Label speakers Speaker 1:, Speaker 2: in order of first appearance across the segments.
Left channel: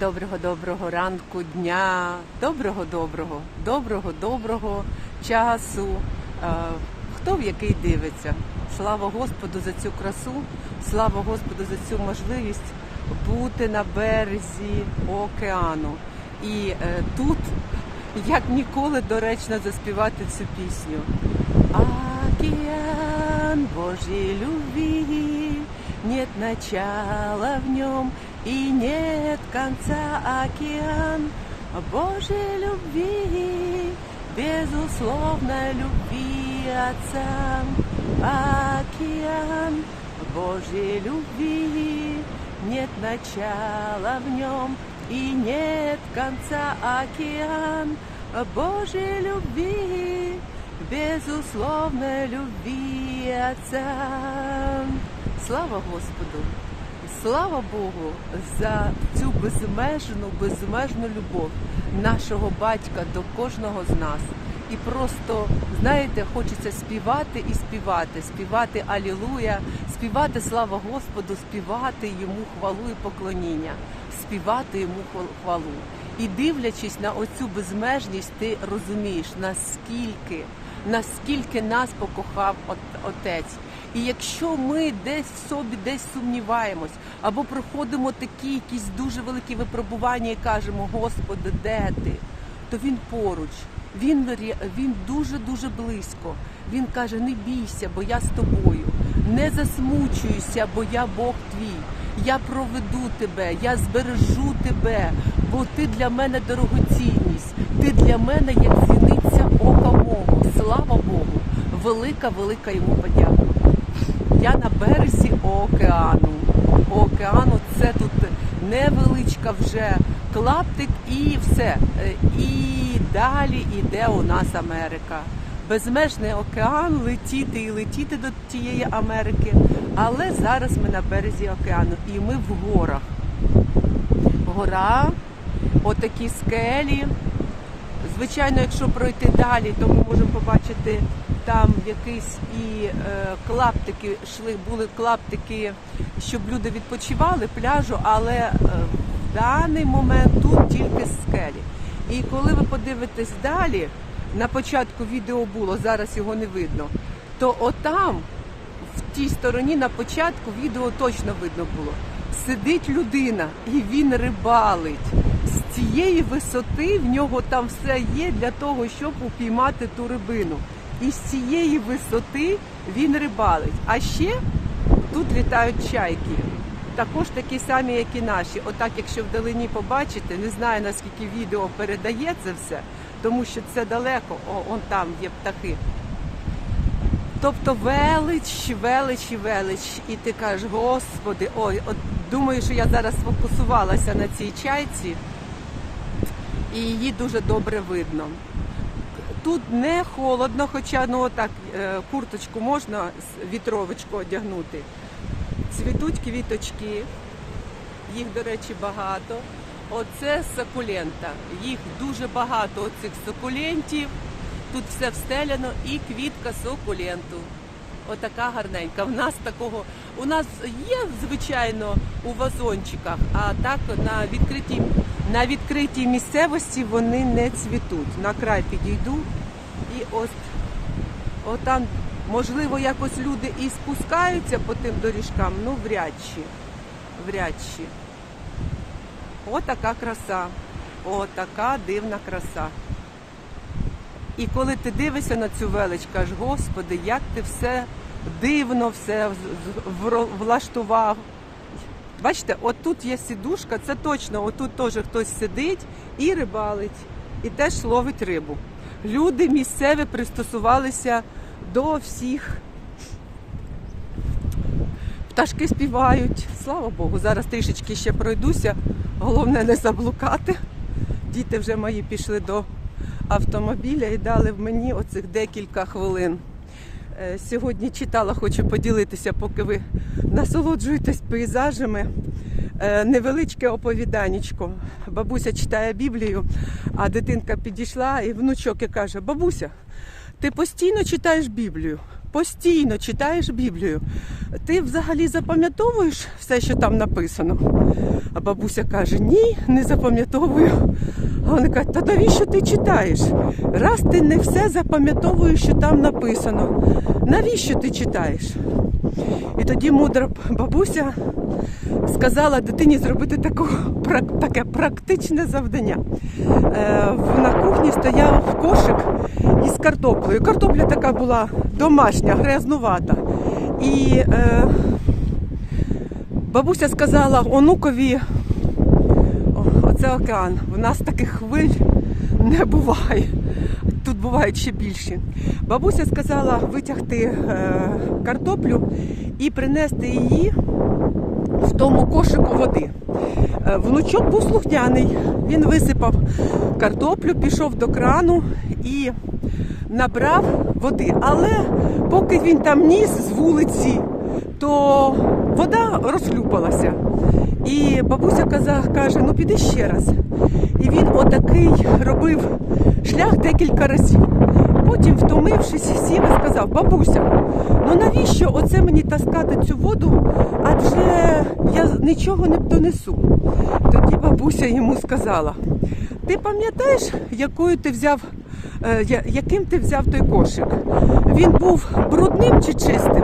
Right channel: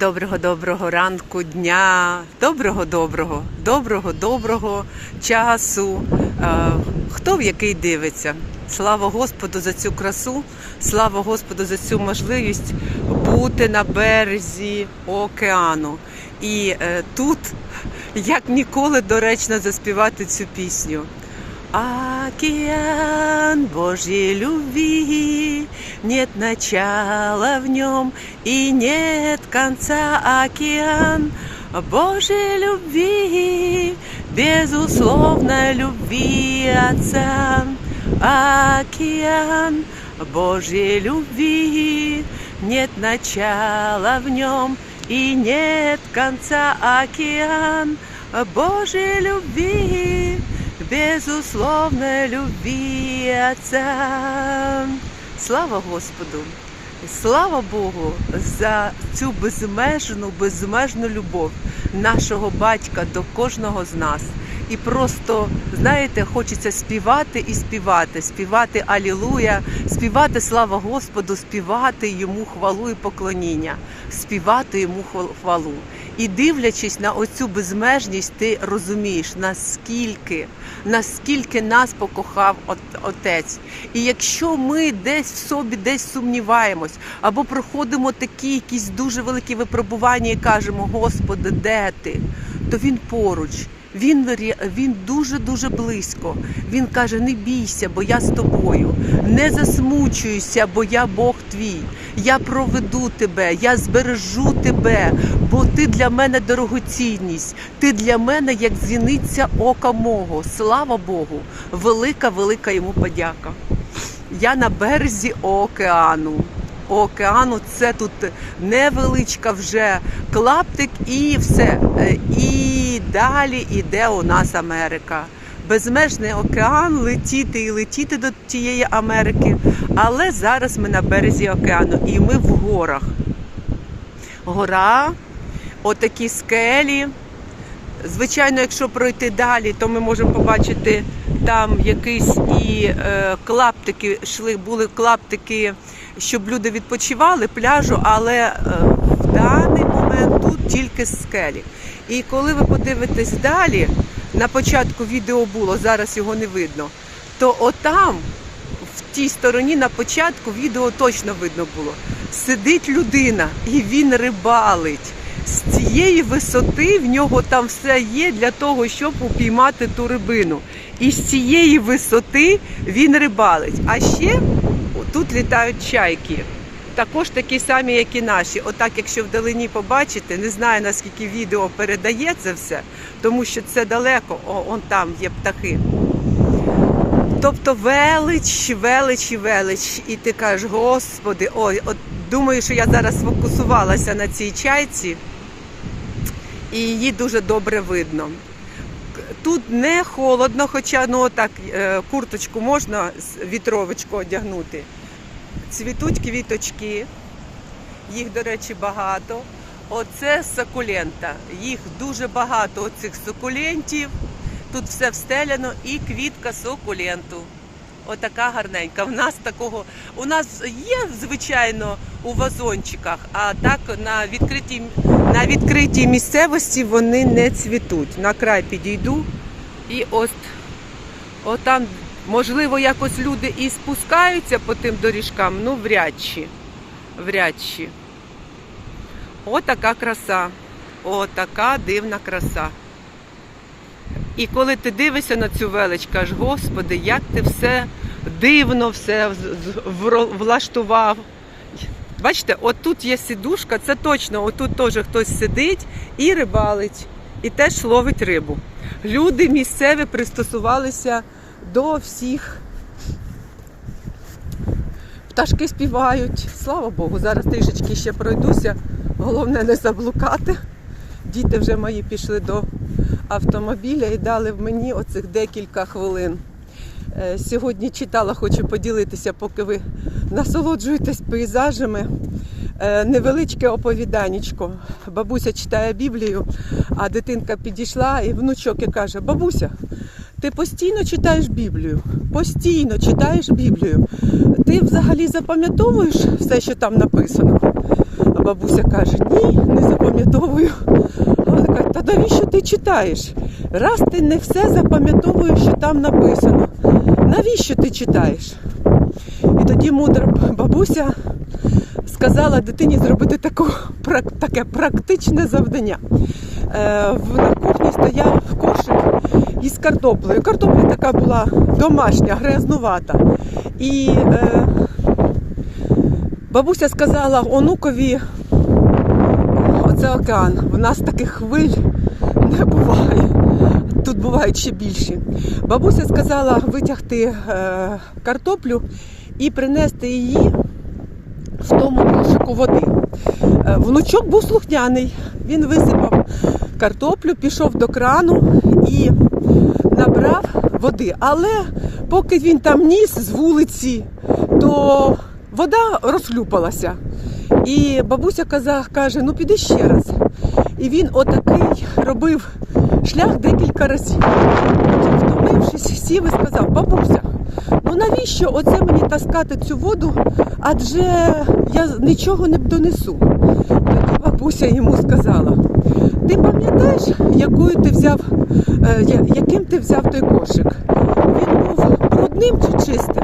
Speaker 1: Доброго доброго ранку, дня, доброго доброго, доброго доброго часу. Е, Хто в який дивиться? Слава Господу за цю красу, слава Господу за цю можливість бути на березі океану. І е, тут як ніколи доречно заспівати цю пісню. Океан Божьей любви, нет начала в нем и нет конца. Океан Божьей любви, безусловной любви Отца. Океан Божьей любви, нет начала в нем и нет конца. Океан Божьей любви, безусловной любви Отца. Слава Господу! Слава Богу за цю безмежну, безмежну любов нашого батька до кожного з нас. І просто, знаєте, хочеться співати і співати, співати Алілуя, співати слава Господу, співати йому хвалу і поклоніння, співати йому хвал- хвалу. І дивлячись на оцю безмежність, ти розумієш, наскільки, наскільки нас покохав От- Отець. І якщо ми десь в собі десь сумніваємось, або проходимо такі якісь дуже великі випробування і кажемо, Господи, де ти? То він поруч. Він, він дуже дуже близько. Він каже: не бійся, бо я з тобою. Не засмучуйся, бо я Бог твій. Я проведу тебе, я збережу тебе, бо ти для мене дорогоцінність. Ти для мене як зіниця ока мого. Слава Богу! Велика, велика йому подяка. Я на березі океану. Океану це тут невеличка вже клаптик і все. Е, І далі іде у нас Америка. Безмежний океан летіти і летіти до тієї Америки. Але зараз ми на березі океану і ми в горах. Гора, отакі скелі. Звичайно, якщо пройти далі, то ми можемо побачити там якісь і е, клаптики йшли, були клаптики, щоб люди відпочивали пляжу, але е, в даний момент тут тільки скелі. І коли ви подивитесь далі, на початку відео було, зараз його не видно, то отам, тій стороні на початку відео точно видно було. Сидить людина і він рибалить. З цієї висоти в нього там все є для того, щоб упіймати ту рибину. І з цієї висоти він рибалить. А ще тут літають чайки. Також такі самі, як і наші. Отак, якщо вдалині побачите, не знаю наскільки відео передає це все, тому що це далеко, о, он там є птахи. Тобто велич, велич і велич. І ти кажеш, господи, ой, от думаю, що я зараз сфокусувалася на цій чайці, і її дуже добре видно. Тут не холодно, хоча ну так курточку можна вітровочку одягнути. Цвітуть квіточки, їх, до речі, багато. Оце сакулента. Їх дуже багато оцих сукулентів. Тут все встеляно і квітка сукуленту. Отака гарненька. В нас такого у нас є, звичайно, у вазончиках, а так на відкритій, на відкритій місцевості вони не цвітуть. На край підійду і ось отам, можливо, якось люди і спускаються по тим доріжкам, ну вряд чи. Вряд чи. Отака краса. Отака дивна краса. І коли ти дивишся на цю велич, кажеш, Господи, як ти все дивно все влаштував. Бачите, отут є сідушка, це точно, отут теж хтось сидить і рибалить, і теж ловить рибу. Люди місцеві пристосувалися до всіх. Пташки співають. Слава Богу, зараз трішечки ще пройдуся. Головне не заблукати. Діти вже мої пішли до автомобіля і дали мені оцих декілька хвилин. Е, Сьогодні читала, хочу поділитися, поки ви насолоджуєтесь пейзажами. Е, Невеличке оповіданечко. Бабуся читає Біблію, а дитинка підійшла і внучок і каже: Бабуся, ти постійно читаєш Біблію, постійно читаєш Біблію. Ти взагалі запам'ятовуєш все, що там написано? А бабуся каже, ні, не запам'ятовую. А вони кажуть, та навіщо ти читаєш? Раз ти не все запам'ятовуєш, що там написано. Навіщо ти читаєш? І тоді мудра бабуся сказала дитині зробити таку, таке практичне завдання. Е, на кухні стояв кошик із картоплею. Картопля така була домашня, грязнувата. І е, бабуся сказала онукові, оце океан, в нас таких хвиль не буває. Тут бувають ще більші. Бабуся сказала витягти е, картоплю і принести її в тому кошику води. Е, Внучок був слухняний. Він висипав картоплю, пішов до крану і набрав води. Але поки він там ніс з вулиці, то вода розхлюпалася. І бабуся каза, каже, ну піди ще раз. І він отакий робив шлях декілька разів. Потім втомився, сів і сказав, бабуся, ну навіщо оце мені таскати цю воду? Адже я нічого не донесу. Тоді бабуся йому сказала: ти пам'ятаєш, якою ти взяв, е, яким ти взяв той кошик? Він був брудним чи чистим?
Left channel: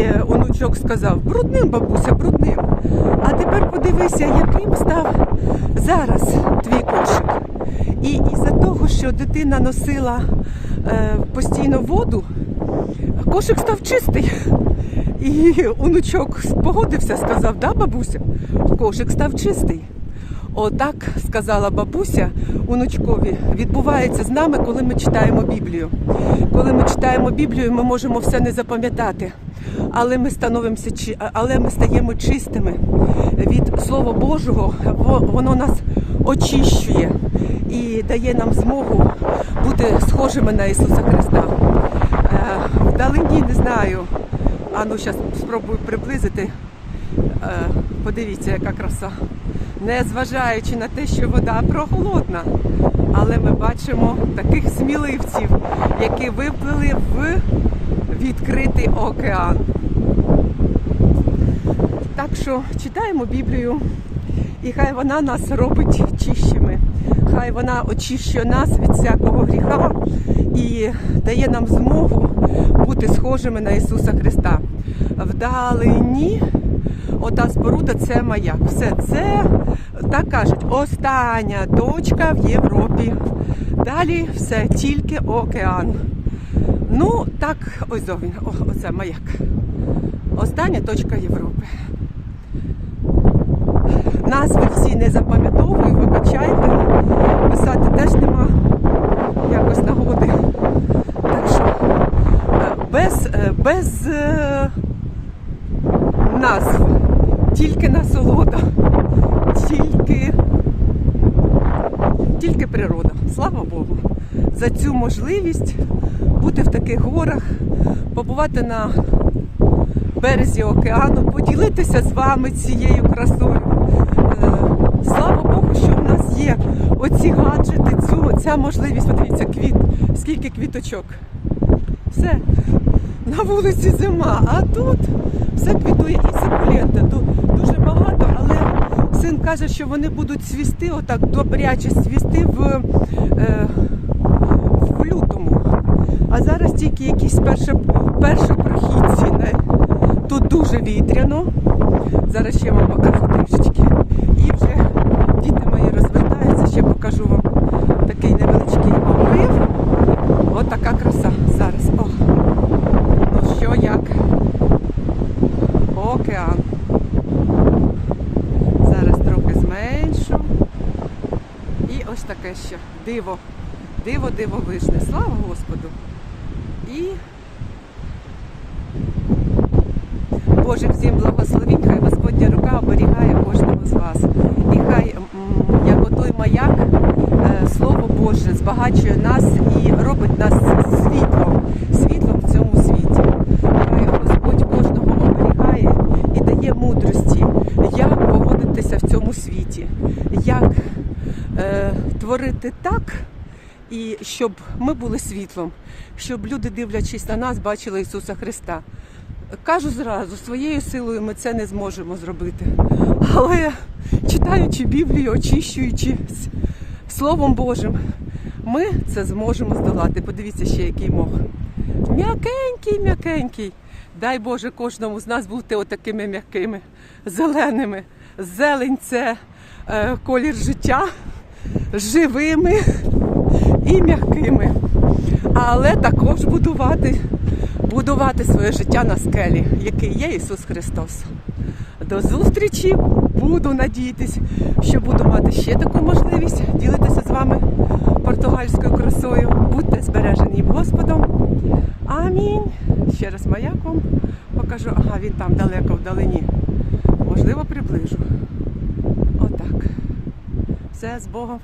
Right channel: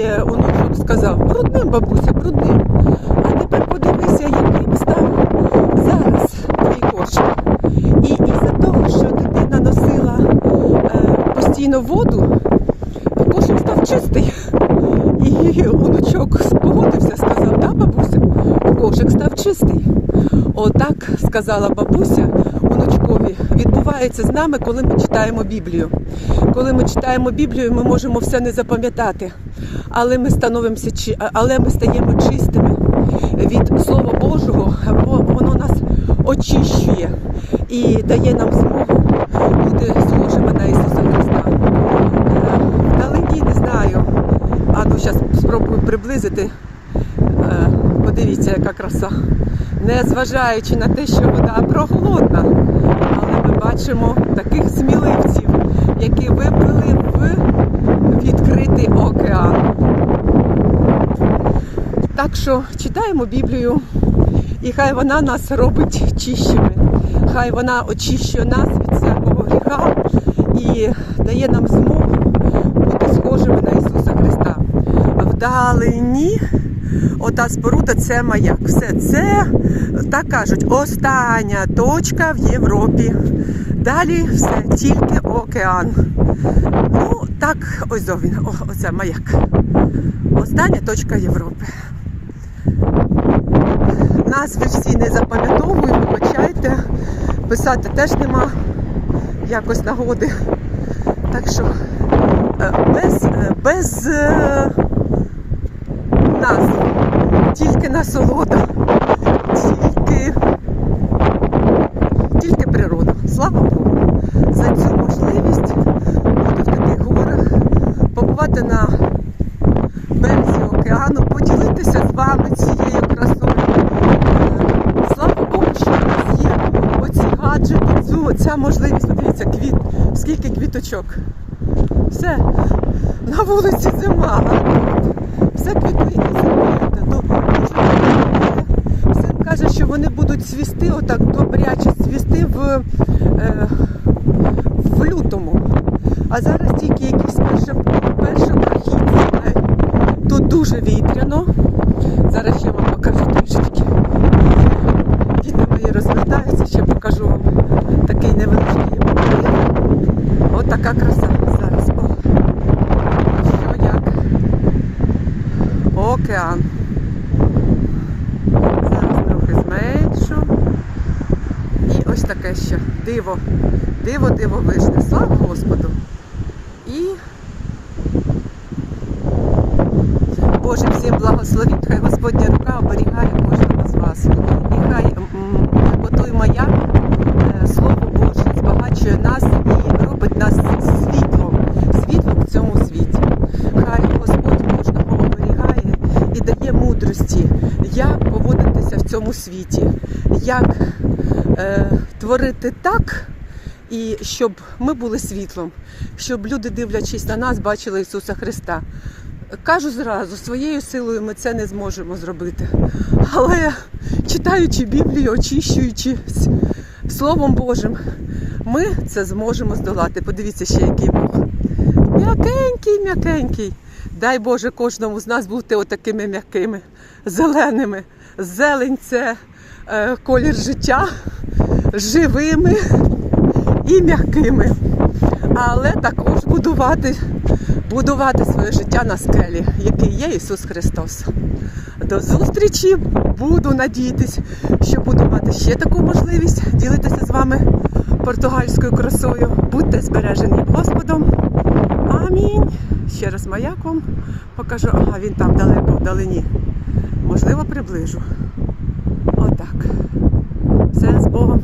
Speaker 1: І онучок сказав, брудним, бабуся, брудним. А тепер подивися, яким став зараз твій кошик. І із-за того, що дитина носила е, постійно воду, кошик став чистий. І онучок погодився, сказав, да, бабуся, кошик став чистий. Отак сказала бабуся онучкові, відбувається з нами, коли ми читаємо Біблію. Коли ми читаємо Біблію, ми можемо все не запам'ятати, але ми становимося але ми стаємо чистими від Слова Божого. Во- Воно нас очищує і дає нам змогу бути схожими на Ісуса Христа. Е, Вдалині не знаю. А ну зараз спробую приблизити. Е, Подивіться, яка краса. Не зважаючи на те, що вода прохолодна, але ми бачимо таких сміливців, які виплили в відкритий океан. Так що читаємо Біблію, і хай вона нас робить чищими. Хай вона очищує нас від всякого гріха і дає нам змогу бути схожими на Ісуса Христа. Вдалині ота споруда це маяк. Все це, так кажуть, остання точка в Європі. Далі все, тільки океан. Ну, так, ось він, оце маяк. Остання точка Європи. Назви всі не запам'ятовую, вибачайте. Писати теж нема якось нагоди. Так що е, без, е, без назв, тільки насолода, тільки, тільки природа. Слава Богу, за цю можливість бути в таких горах, побувати на березі океану, поділитися з вами цією красою. Слава Богу, що в нас є оці гаджети, цю, ця можливість. Подивіться, квіт, скільки квіточок. Все, на вулиці зима, а тут все квітує і сукулєнти. Ду- Дуже багато. Син каже, що вони будуть цвісти, отак добряче цвісти в, е, в лютому. А зараз тільки якісь перші, першопрохідці. Е, Тут дуже вітряно. Зараз я вам покажу трішечки. І діти мої розвертаються, ще покажу вам такий невеличкий обрив. От краса зараз. О, що як? Океан. Зараз трохи зменшу. І ось таке ще диво. Диво, диво дивовижне. Слава Господу. І Боже, всім благословінь, хай Господня рука оберігає кожного з вас. І хай, як отой маяк, е, Слово Боже збагачує нас і робить нас світлом, світлом в цьому світі. Хай Господь кожного і дає мудрості, як поводитися в цьому світі, як е, творити так. І щоб ми були світлом, щоб люди, дивлячись на нас, бачили Ісуса Христа. кажу зразу, своєю силою ми це не зможемо зробити. Але читаючи Біблію, очищуючись Словом Божим, ми це зможемо здолати. Подивіться ще, який Бог. М'якенький, м'якенький. Дай Боже кожному з нас бути отакими м'якими, зеленими. Зелень це е, колір життя, живими і м'якими. Але також будувати, будувати своє життя на скелі, який є Ісус Христос. До зустрічі! Буду надіятись, що буду мати ще таку можливість ділитися з вами португальською красою. Будьте збережені Господом. Амінь. Ще раз маяк вам покажу. Ага, він там далеко вдалині. Можливо, приближу. Отак. Все з Богом.